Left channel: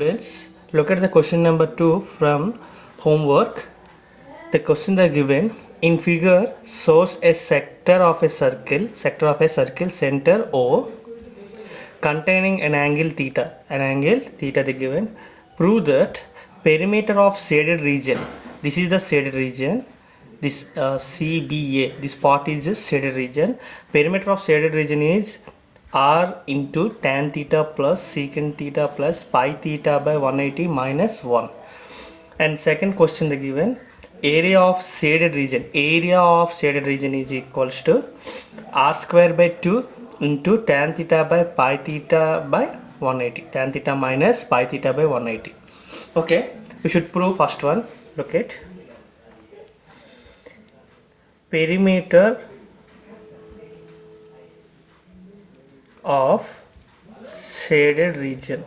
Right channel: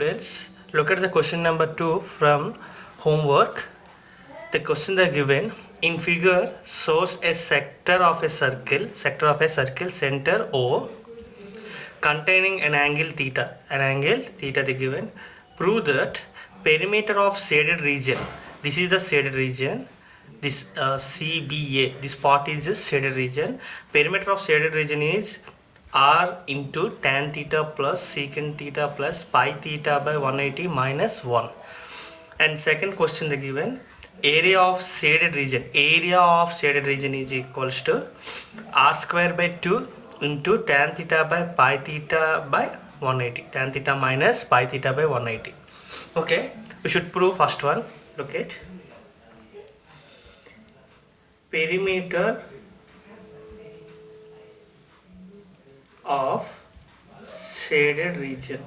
students, look at the question number 2 from homework. The question are given in figure shows a sector of a circle center O containing an angle theta. They given. Prove that perimeter of shaded region. This is the shaded region. This CBA. This part is the shaded region. Perimeter of shaded region is r into tan theta plus secant theta plus pi theta by 180 minus 1. And second question they given, area of shaded region is equals to r square by 2 into tan theta by pi theta by 180, tan theta minus pi theta by 180. Okay, we should prove first one. Look at perimeter of shaded region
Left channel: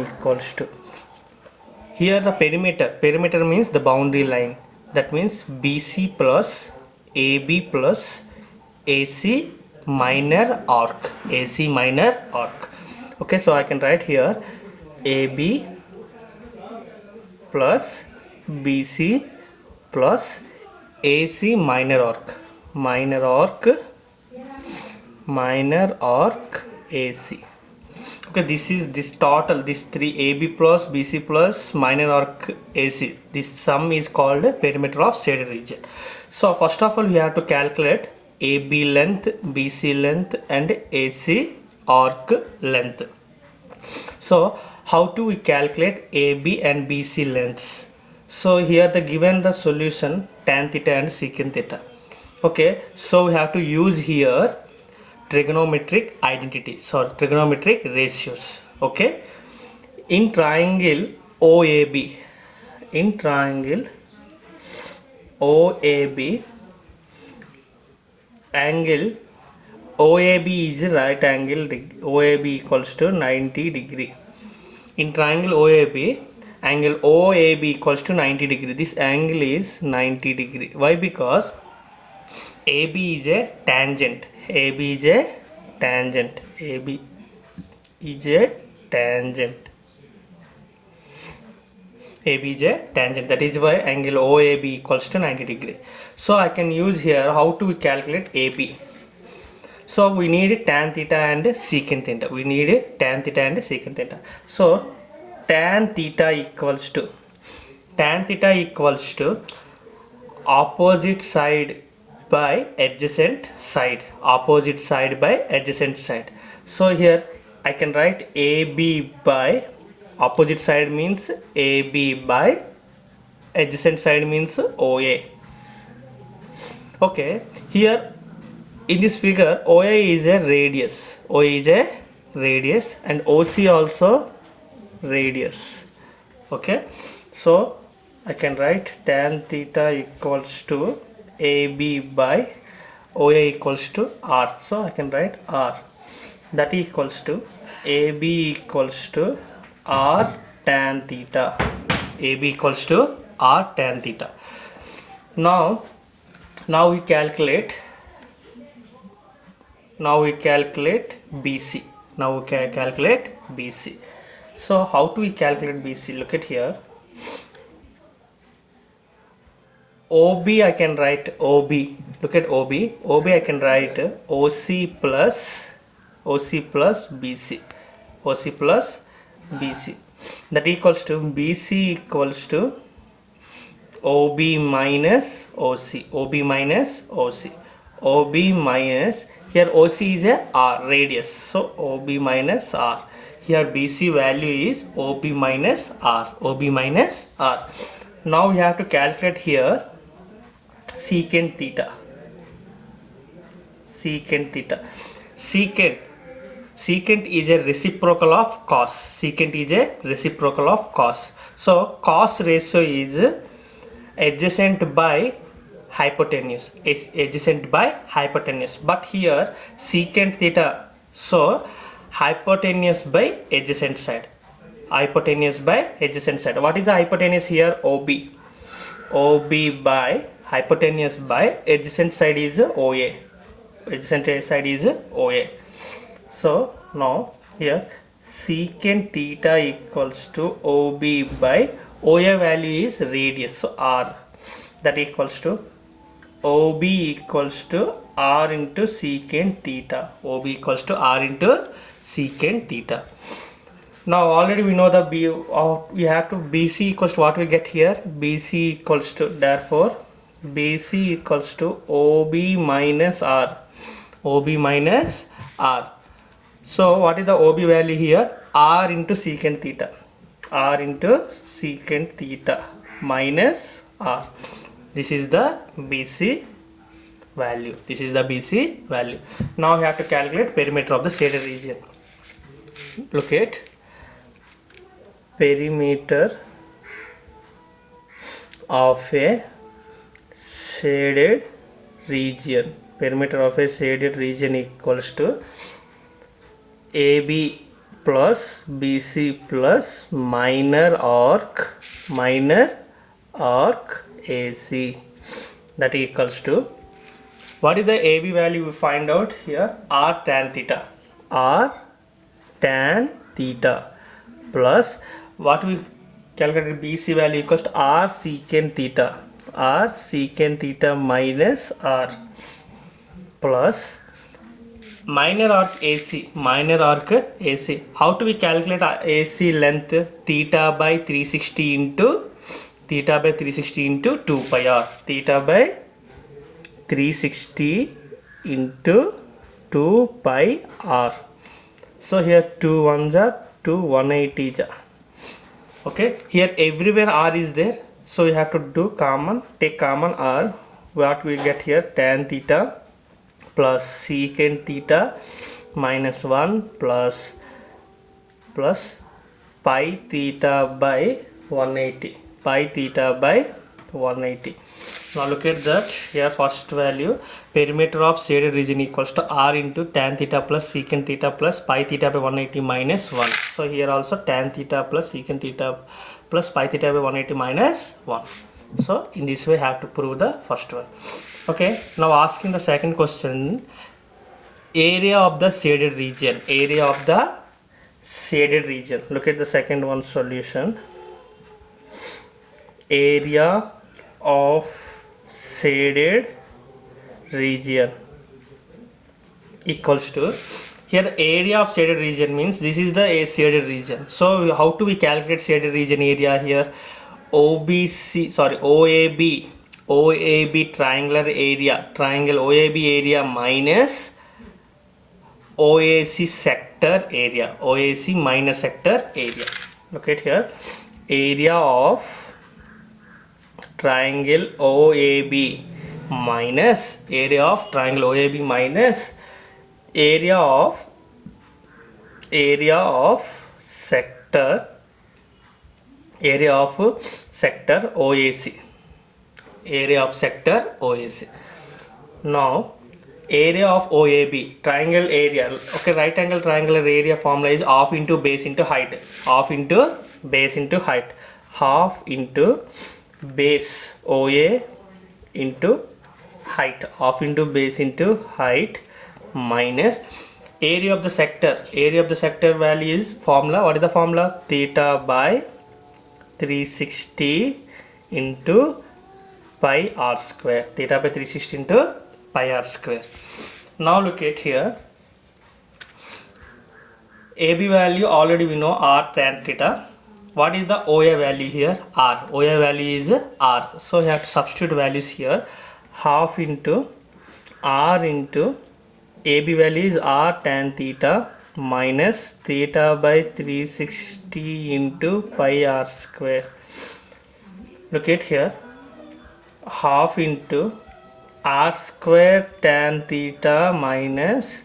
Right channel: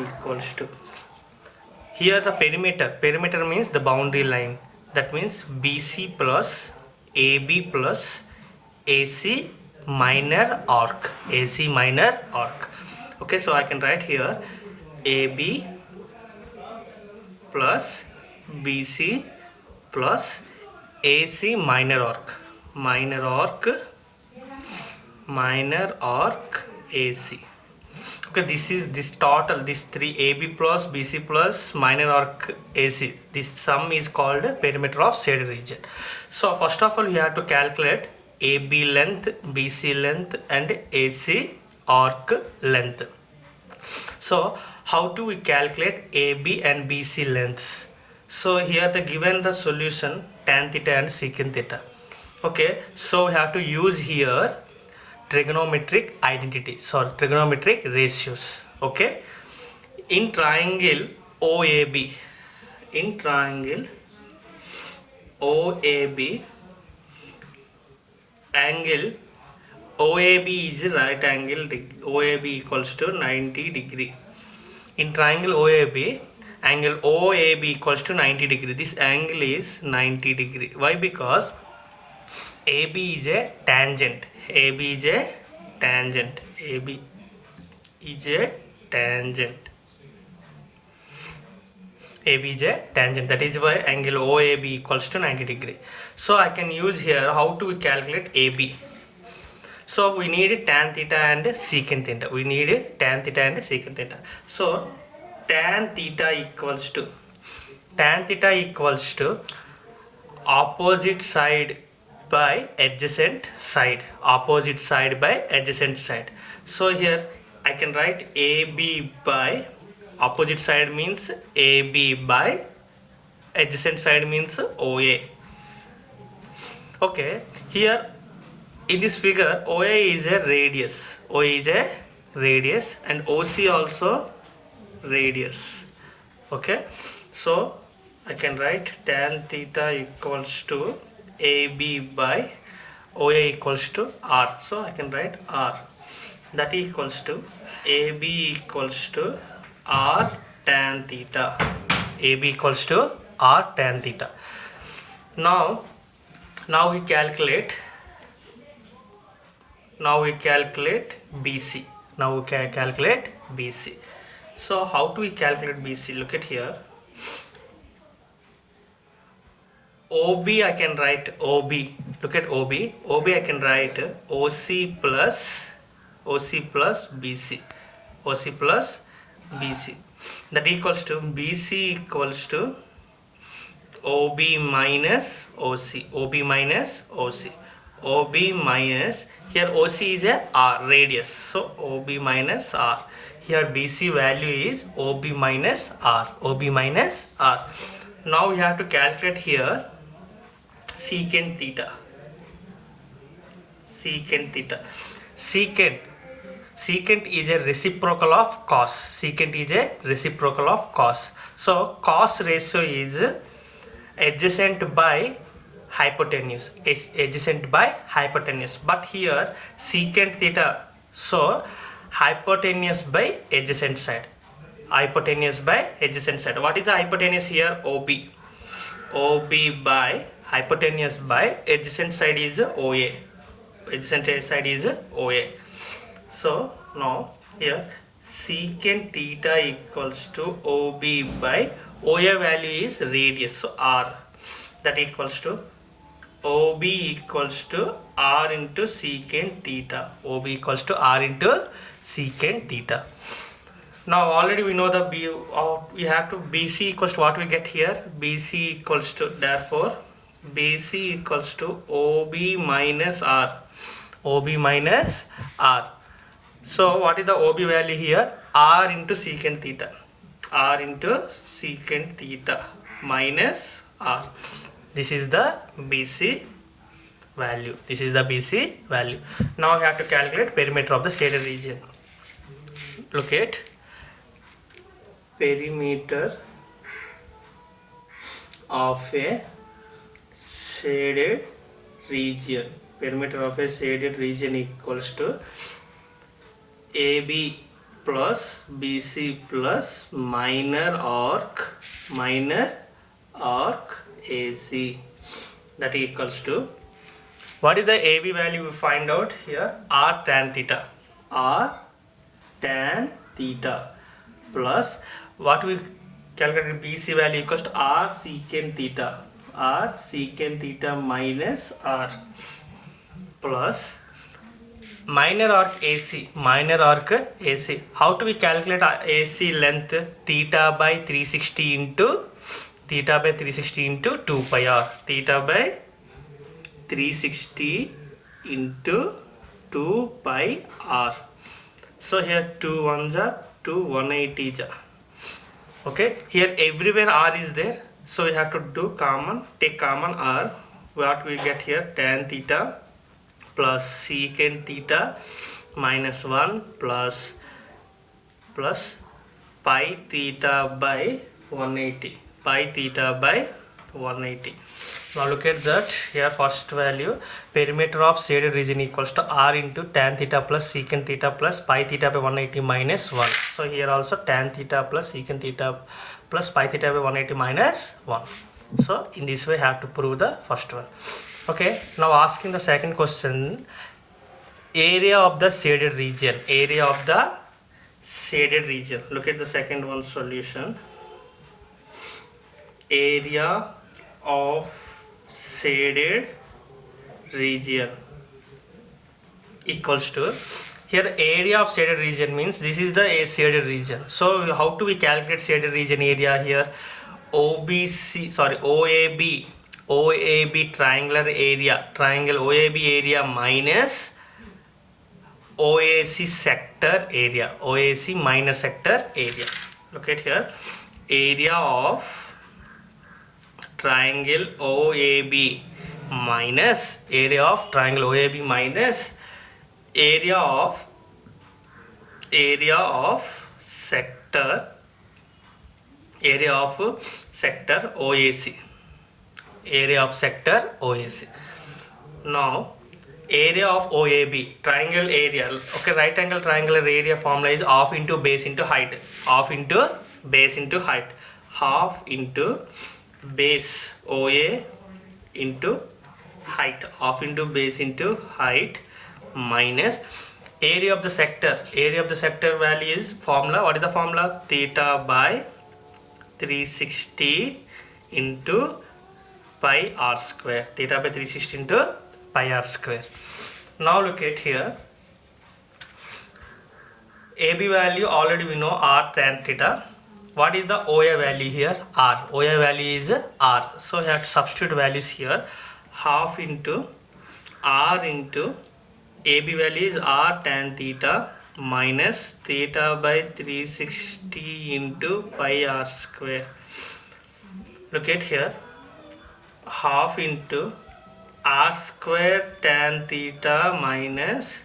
equals to, here the perimeter means the boundary line, that means BC plus AB plus AC minor arc. Okay, so I can write here AB plus BC plus AC minor arc AC. Okay, this total, this 3 AB plus BC plus minor arc AC, this sum is called perimeter of shaded region. So first of all, you have to calculate AB length, BC length and AC arc length. So how do we calculate AB and BC lengths? So here they given the solution tan theta and secant theta. Okay, so we have to use here trigonometric ratios. Okay, in triangle OAB, angle OAB is right angle, OAB equals to 90 degree. In triangle OAB, angle OAB equals to 90 degree. This angle is 90 degree. Why? Because AB is a tangent. That is why angle OAB equals to 90 degree. So I can use here how to calculate AB. So we need tan theta and secant theta. So tan theta equals to opposite side by adjacent side. So here I can write AB by opposite side means AB by adjacent side means OA. Okay, here in this figure OA is a radius, and OC also radius. Okay, so I can write tan theta equals to AB by OA equals to R. So I can write R, that equals to AB equals to R tan theta. Now we calculate BC. So how do we calculate BC? Look at here. OB I can write OB. Look at OB. I can write OC plus BC. That equals to BC equals to OB minus OC. OB minus, here OC is a R, radius. So OB minus R. Here BC value is OB minus R. Now we have to calculate here secant theta. Secant is a reciprocal of cos. So cos ratio is adjacent by hypotenuse. But here secant theta, so hypotenuse by adjacent side. What is the hypotenuse here? OB by hypotenuse by adjacent side is OA. So now here secant theta equals to OB by OA value is radius, so R, that equals to OB equals to R into secant theta. OB equals to R into secant theta. Now already we know the we have to BC equals to what we get here. BC equals to, therefore BC equals to OB minus R. OB minus R. So what is the OB value here? R into secant theta. R into secant theta minus R. This is the BC value. This is the BC value. Now we have to calculate perimeter of the shaded region. Look at perimeter of a shaded region. Perimeter of a shaded region equals to AB plus BC plus minor arc AC. That equals to, what is the AB value we find out here? R tan theta. R tan theta plus what we calculated BC value equals to R secant theta. R secant theta minus R plus minor arc AC. Minor arc AC. How do we calculate AC length? Theta by 360 into 2 pi r. Theta by 360 into 2 pi r. So here 2 ones are 2 180 ja. Okay, here everywhere r is there, so we have to do common, take common r. What we get here? Tan theta plus secant theta minus 1 plus pi theta by 180. Pi theta by 180. Now look at that. Here first value, perimeter of shaded region equals to R into tan theta plus secant theta plus pi theta by 180 minus 1. So here also tan theta plus secant theta plus pi theta by 180 minus 1. So in this way have to prove the first one. Okay, now asking the second question, area of the shaded region. Area of the shaded region. Look at the second one solution. Area of shaded region equals to, here area of shaded region means this is the shaded region. So how do we calculate shaded region area here? OAB triangular area, triangle OAB area minus OAC sector area, OAC minus sector area. Look at here, area of triangle OAB minus area of triangle OAB minus area of sector OAC, area of sector OAC. Now area of OAB triangle area. Okay, right angle triangular area formula is half into base into height. Half into base into height. Half into base OA into height. Half into base into height minus area of the sector. Area of the sector value is formula. What is the formula? Theta by 360 into pi r square. Theta by 360 into pi r square. Now look at here. AB value already we know, R tan theta. What is the OA value here? R. OA value is R. So you have to substitute values here. Half into R into AB value is R tan theta minus theta by 360 into pi r square. Look at here. Half into r square tan theta minus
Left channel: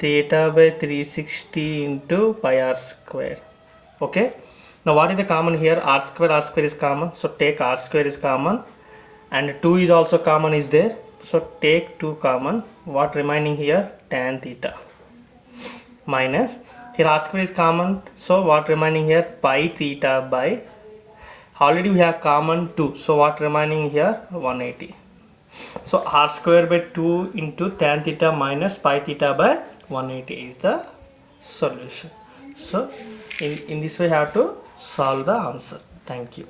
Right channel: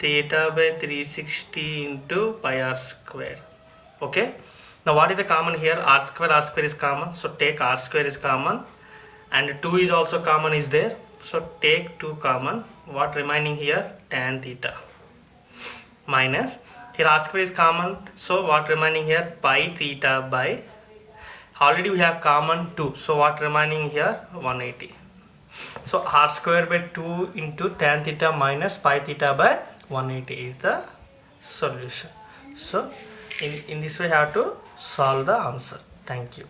theta by 360 into pi r square. Okay. Now what is the common here? R square is common. So take r square is common. And 2 is also common is there. So take 2 common. What remaining here? Tan theta. Minus. Here r square is common. So what remaining here? Pi theta by. Already we have common 2. So what remaining here? 180. So r square by 2 into tan theta minus pi theta by 180 is the solution. So in this way you have to solve the answer. Thank you.